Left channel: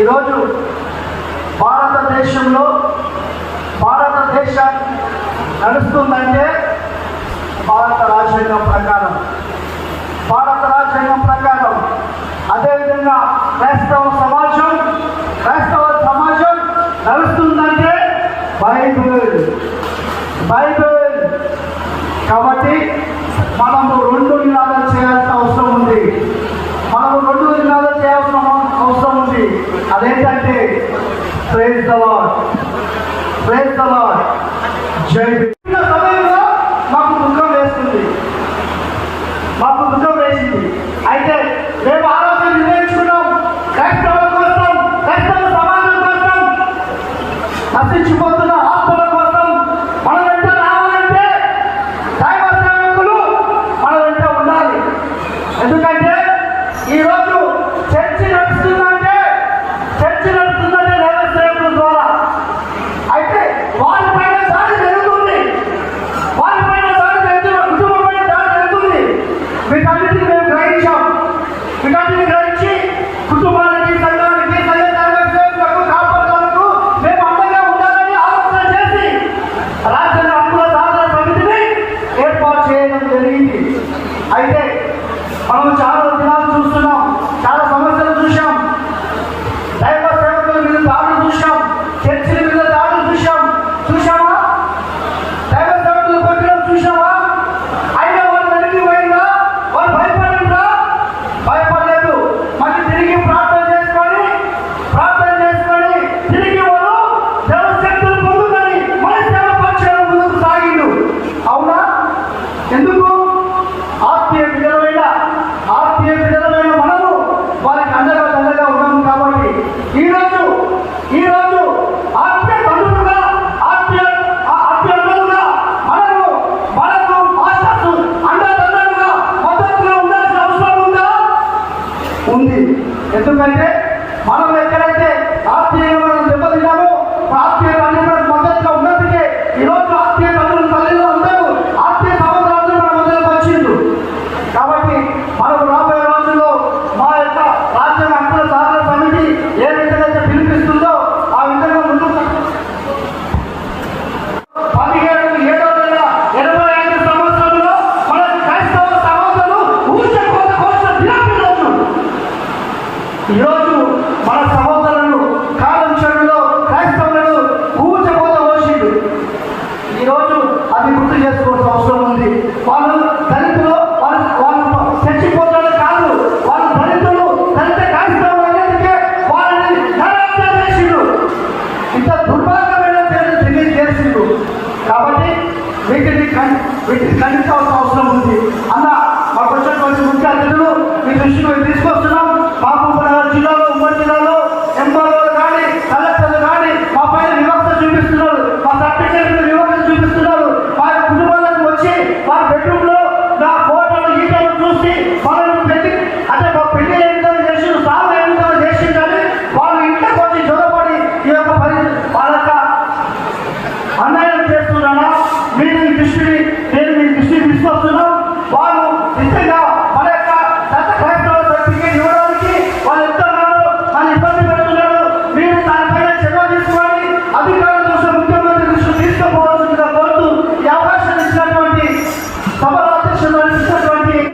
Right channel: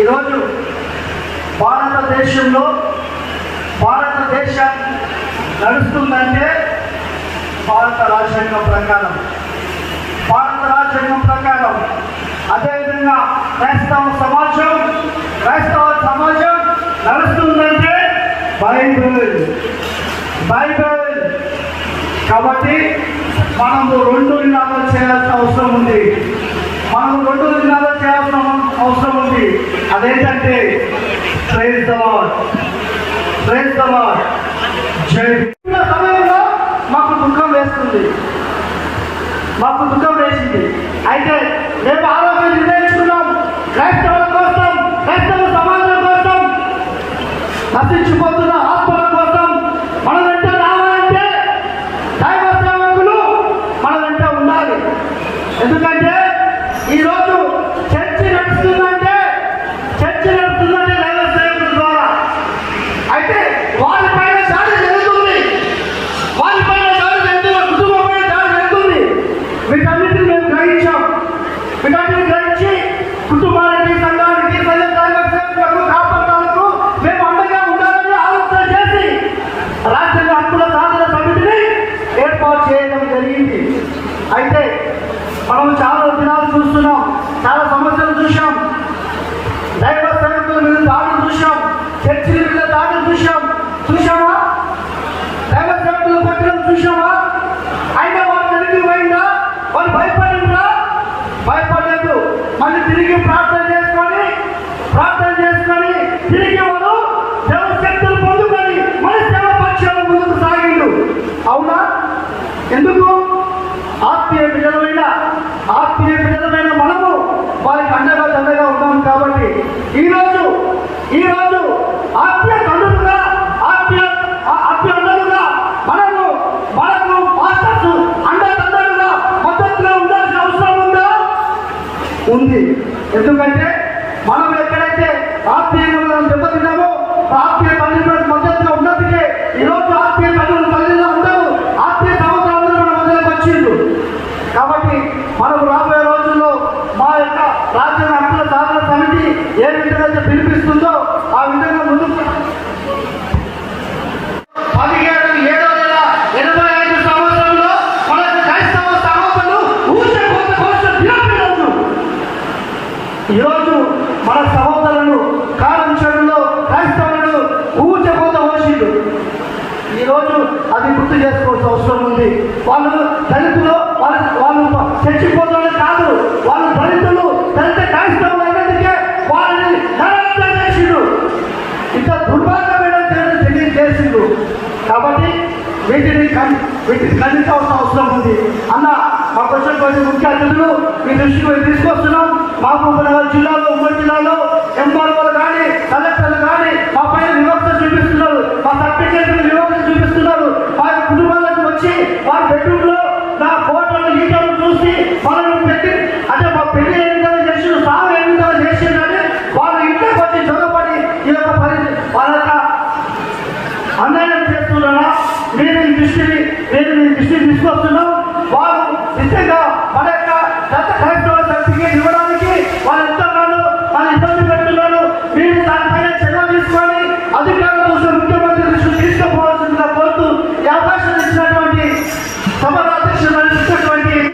ఈరోజు భారతదేశం నడుస్తుందంటే భారత రాజ్యాంగం ప్రకారం అదేవిధంగా క్రైస్తవ సమాజం నడుస్తుందంటే బైబిల్. కాబట్టి మనము రెండు నినాదాలు చేయాల్సిన అవసరం ఉంది. అదేంటంటే ప్రైజ్ ద లార్డ్, జై హింద్. సమయంలో మాకు దుఃఖం వేసింది. అయితే మేము ఆలోచన నిర్ణయించుకున్నాం, క్రైస్తవ సమాజం కోసం, నశించిపోతున్న ఆత్మల కోసం మన వెంట రావాలంటే దైవ సేవకులు మన వెంట ఉండాలి. ఎందుకంటే ఈరోజు చర్చి నడుస్తుందంటే దైవ సేవకుల ద్వారా. అయితే వాళ్ళపైన దాడి జరుగుతుంది, కుటుంబపై దాడి జరుగుతుంది. వీటన్నిటిని మేము గ్రహించి కుటుంబానికి, సంఘానికి, కాపాడడానికి మేము అండగా ఉండాలని ఆలోచన చేసి రాజ్యాంగ హక్కుల సాధన సమితిని ఏర్పాటు చేయడం జరిగింది. అయితే మనం చాలా దినాలు చూస్తున్నాం, చాలా సమస్యలు చూసాం, దైవ సేవకుల మీద దాడులు చూసాం, చర్చిల మీద దాడులు చూసామా? దైవ సేవకుల పక్కన చూసామా? అయినా వాళ్ళు వెనక్కి పోయిందా? వాళ్ళు భయపడలేదు. మళ్ళీ తిరిగి ప్రార్థన చేసుకొని తిరిగి వాళ్ళు దేవ శక్తులు పొందుకొని మళ్ళీ సేవ పక్షాల ముందుకు సాగిండు. అవునా? ఎందుకు? ఆత్మీయ బిడ్డలమైన మనము వారికి అండగా ఉన్నాము. కాబట్టి ఈరోజు ఆత్మీయ బంధువులుగా, ఆత్మీయ అన్నలుగా మనకు మాస్టర్స్ అండదండలుగా మద్దతుగా ఉండాల్సిన అవసరం ఉంది. ఎందుకంటే మనం ఎక్కడైతే ఆత్మీయంగా మనం దెబ్బతిన్నామో ఆత్మీయ బంధువులకు మద్దతుగా ఉన్నందుకే ఈరోజు ఆత్మీయ తల్లిలో అందరూ, ఆత్మీయ సహోదరులందరూ మన మధ్యలోకి వచ్చిండ్రు. కాబట్టి మనకు రాబోయే రోజుల్లో మా యొక్క రాజ్యాంగ హక్కుల సాధన సమితి ఏ విధంగా పిలిపిస్తుందో ఆ విధంగా ముందుకు 1785 సంవత్సరంలో మన క్రైస్తవ సహోదరులు ఊచకోత కోసం ఈరోజు మన సహోదరులు కాలం చెడులో క్రైస్తవులను ఊచకోత కోసిండు. ఈరోజు అది గుర్తు చేసుకోవాల్సిన అవసరం ఉంది. వాళ్ళు దళితులు, వాళ్ళు చచ్చిపోతున్నారు కాదు, వాళ్ళు దళితులు, దళిత క్రైస్తవులు అయినందుకే వాళ్ళని నరహత్య చేసిండు. ఇంత దుర్భాగ్యమైన చేసిండు. కాబట్టి వీటిని ఖండించాల్సిన అవసరం ఉంది. అన్న మాకు వచ్చినటువంటి ముఖ్య అతిథులు మీ దృష్టికి తీసుకొస్తున్నాం. మహబూబాబాద్ జిల్లాలో, ఉమ్మడి జిల్లాలో ఎంఆర్ఓలు కానీ, కలెక్టర్లు కానీ మా పైన వివక్ష చూపిస్తున్నారు, మా సర్టిఫికేట్ వివక్ష చూపిస్తున్నారు. వారి కుటుంబాలకు వచ్చి వారి బెడ్రూమ్లో నా ఫోటోలు ఈటలు చూసి వాళ్ళని పెట్టి అంటే మా పెళ్లి ఏ విధంగా చేసిండు, సాగు ఏ విధంగా చేసిండు అని వాళ్ళ ఇంట్లోకి వచ్చి జొరబడి ఈ యొక్క